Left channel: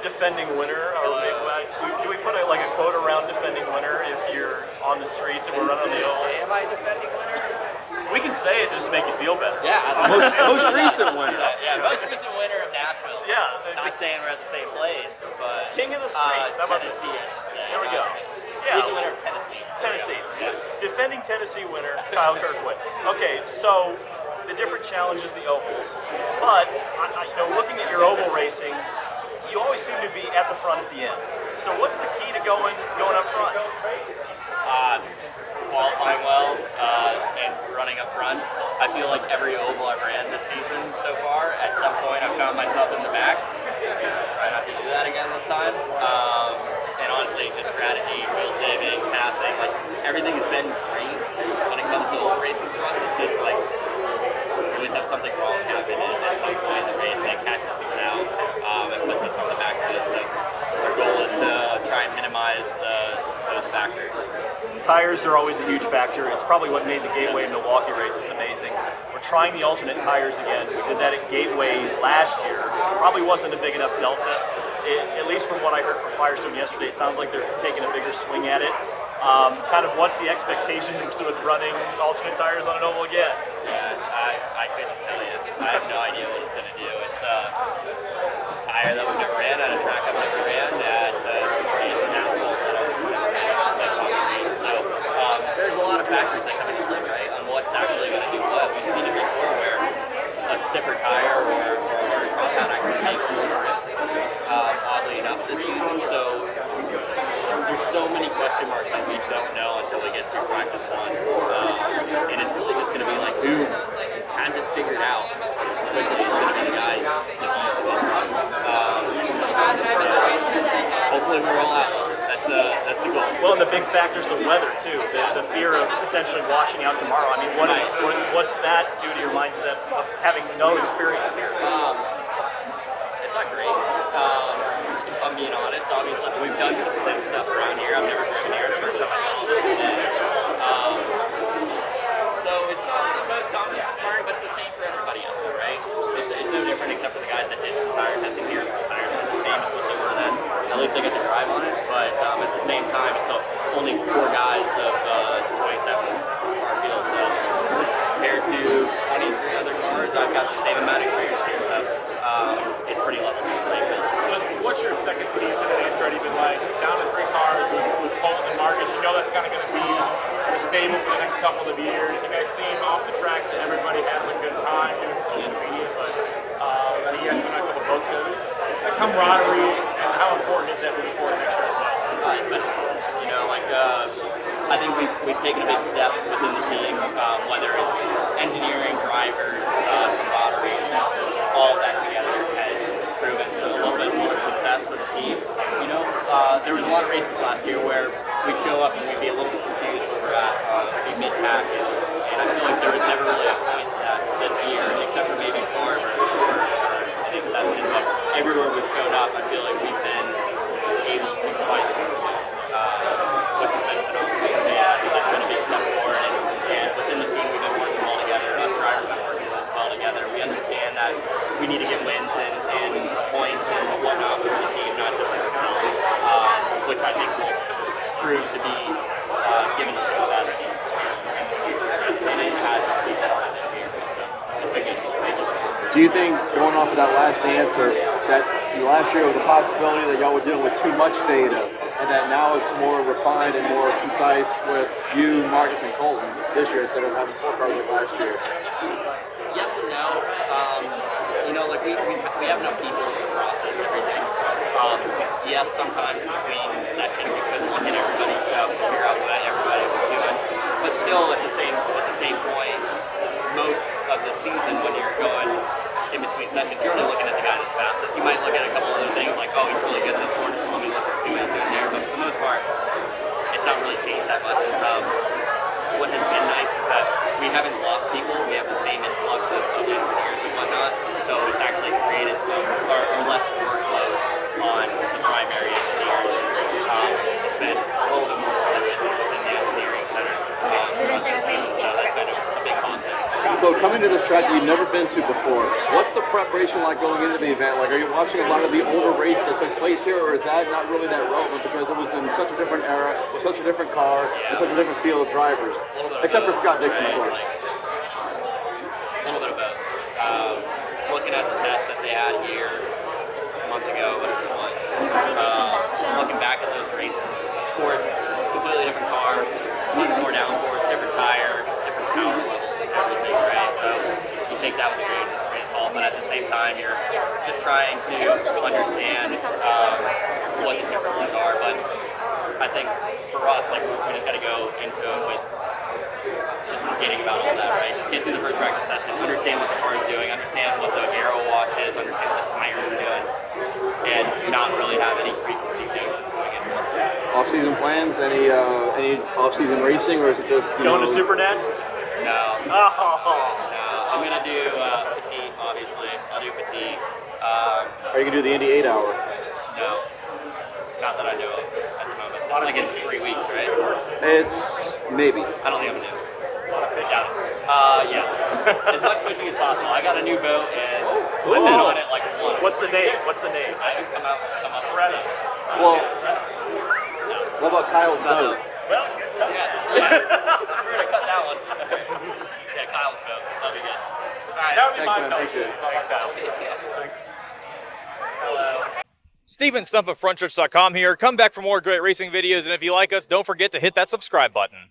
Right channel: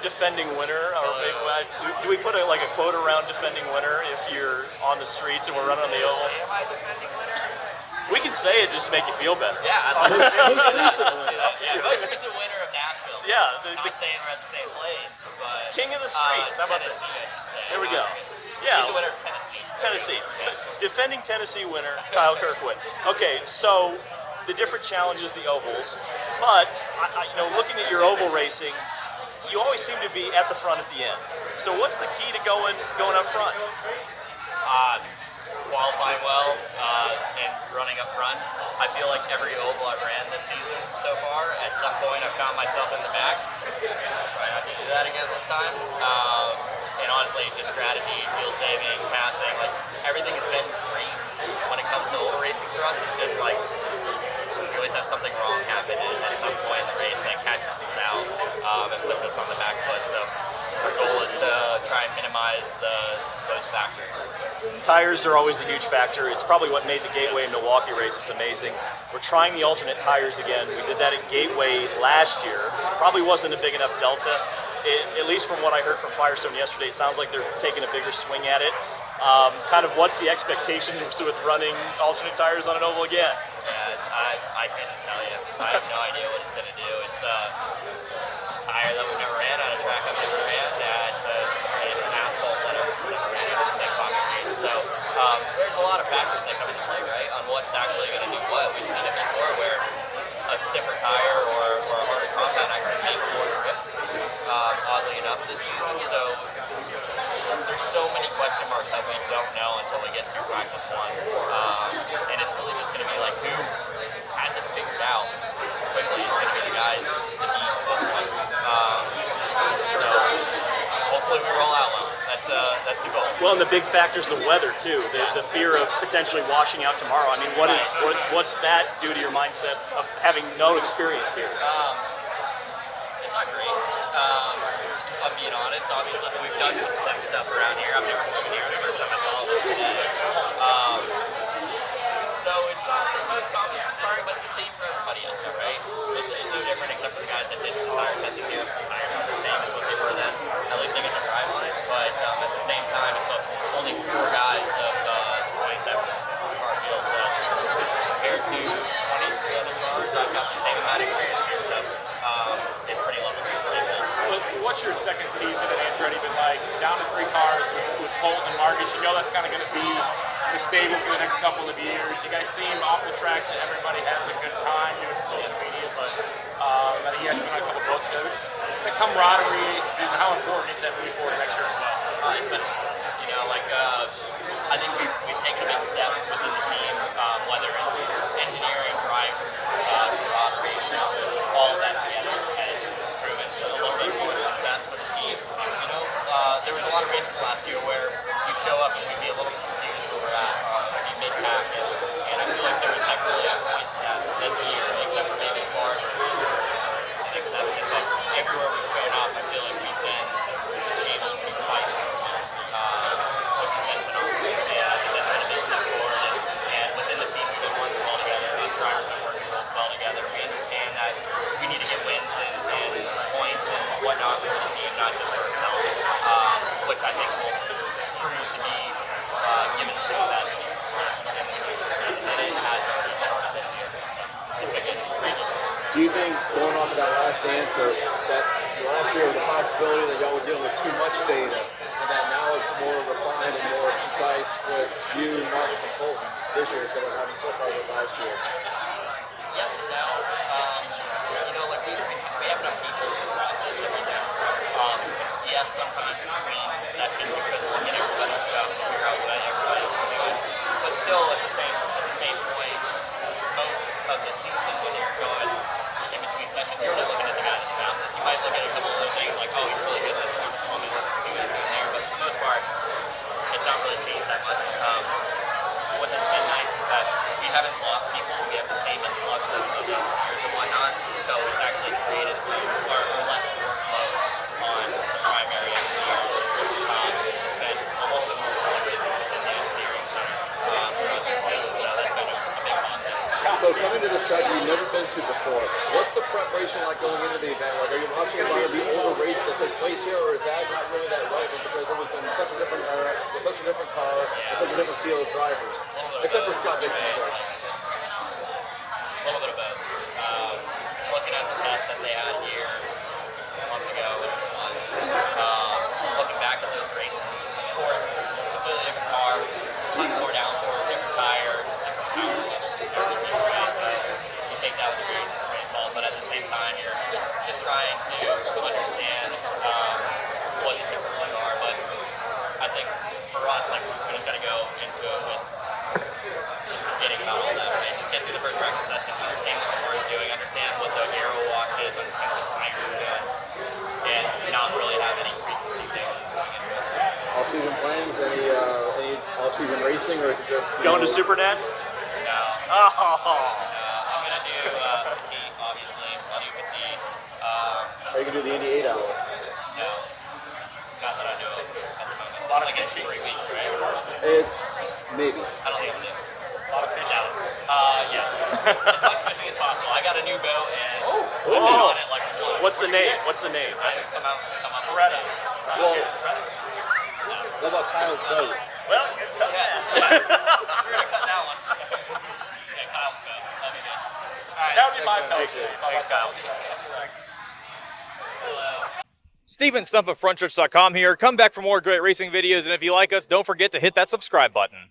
defending winner. Do we put a quote around defending winner if you're on the streets and we're running on the oval? Am I defending winner? We can say it just to make you feel better. Yeah, most recent winner. Yeah, most recent winner of Nashville. Yeah. Not saying we're at the same place, but King of the streets. How about Tennessee, I should say. There we go. Yeah. Who's the winner of Tennessee? Tennessee. Yeah. Defending Tennessee winner, Kyle Kirkwood. Okay, so the different challenges, the ovals. But, looking at your oval racing, you always seem to be at the front at the end. So what's the key to going up front? Qualifying well and running up front. I feel like every oval I've ran this season so far, at some point I found myself in the back. Try not to do that again this time. And honestly, just strategy, wheel saving, passing, everything has been great when it comes to oval racing for us. It's just we always have something wrong happen, and at some point in the race that catches us out and puts us on the back foot. So our goal is to try and minimize those factors. Tires are always a huge factor. It's probably what made the Gateway and Milwaukee races amazing. We're trying the alternate tires again. We did that at Gateway last year. Probably wasn't a big enough delta. At least from what I heard from Firestone yesterday, it sounds like they're taking a bigger swing at it. What's the expectation with running alternate tires on an oval again? Yeah, I couldn't tell you. I have no idea what it's going to do. It's a tire that we've never ran on a track I've never ran at an asphalt. So there's a lot of factors that come into play, right, on what's actually going to do what. We've seen it before where a stiffer tire or a harder compound actually makes more grip, oddly enough, this season. So there's so many question marks that we don't know until we get through practice one. And it's really just going to be who has it figured out. Quickly, it's going to be guys to beat this one. Hopefully we roll out. That's the goal. Well, and the big factor is the weather too. The fear of potentially washing out tomorrow. I mean, what's that do to your mindset of having no experience here? It's not great. If I'm being honest, obviously we've done some sim stuff around here. I've never driven there. It's the first time I saw it. So it's not the most confidence inspiring, but it's the same for everybody else, right? It's no different except for the guys that did some tire testing here. The tires are the same as what they were then. At least they get to drive on it. But at the same time, it's only 4 guys of 27 car field. So compared to 23 other cars, I've got the same amount of experience here. So it's pretty level. What's your second season at Andretti been like? Down to 3 cars with Colton and Marcus. You know that's kind of going to be a stable for the next couple of years. You guys seem off the track that everybody has a good time. It's social media, but you guys come out for the boat goes. The camaraderie and how important is that moving forward next year? It's been awesome. I think we've taken a big step within the team, whether it's engineering, drivers, camaraderie, all of that together has proven a little bit more success for the team. There was a lot of races last year where we'd show up and we'd be a little bit confused where we're at, maybe mid-pack, and I feel like there was never really a point that this year, except for maybe Clark for an exception, but everywhere we've shown up, I feel like we've been able to fight, which has been phenomenal. Yeah, I think that's been a big step forward, and within the team we've been working well together. Us drivers have been working well together. We understand that we need to get wins and points and whatnot for the team, not just for ourselves, which I think will prove to be given success in the future. And it has already started this year. Do you think, going off of that last answer, that last year was a possibility that y'all were dealing with too much data, and that now it's more refined and more concise with you, Marcus, and Colton this year instead of having 4 cars like last year? Yes and no. We have enough people to process everything. Yes, sometimes between sessions you couldn't look at everybody's stuff to figure out what everybody was doing. But still, at the same point, most of the season when you're going in between sessions, you're only looking at the guy that's fastest. You might look at a couple other things like, oh, he's really good in this corner, so let me look at anything there. But for the most part, it's not really changed that much. What has been nice is that we haven't lost people. We have the same influx of engineers and whatnot. So it's actually created some or less workload on the primary engineers. It's been a little bit more fluid within the engineering center for us this season. So that's been a big positive. So coming to this track, you've never been to to before. What's the preparation like going into the event? Like, are you watching a lot of the older races that took place here, or is that not really that relevant because it was in such a different era, with such a different car, with such a different field of drivers? Except for Scott Dixon, of course. A little bit of both. Looking at the tests that they had here a month ago, whatever it was, looking back at those races, of course, completely different car, tons more downforce, different tire, different power levels, everything, right? So you take that with a grain of salt, but at the same time, you're just trying to understand what the differences are. But I think for us, like, we just got to go into it with just forgetting about all that, right? Just get through the first practice session, understand what the car is doing, understand what the aero wash is, understand what the tires are doing, and not really have any preconceived notions going into it. Off-season plans? Any off-season racing, or is it just Going to Supernats? No. Oh. No. I'm going to do Petit, obviously. I'll do Petit. Or you can do the Indy 8 hour? No. Not that I know of at the moment. It's like in 3 weeks, right? It's maybe. I don't think I'm going to do it. Doubt it. Yes. As much fishing as possible. I got a new boat, and I've been on it like once. What's the name? What's the name? I come up with it. Well, what about Kyle's boat? Yeah. We're going to cut that one. Yeah, Kyle's boat. That'll be good. All right. That would be my Thanks, man. Thanks, Kyle. Hello. Steven Stump of Frontstretch.com here. Come back for more great racing videos, and if you like us, don't forget to hit that subscribe button.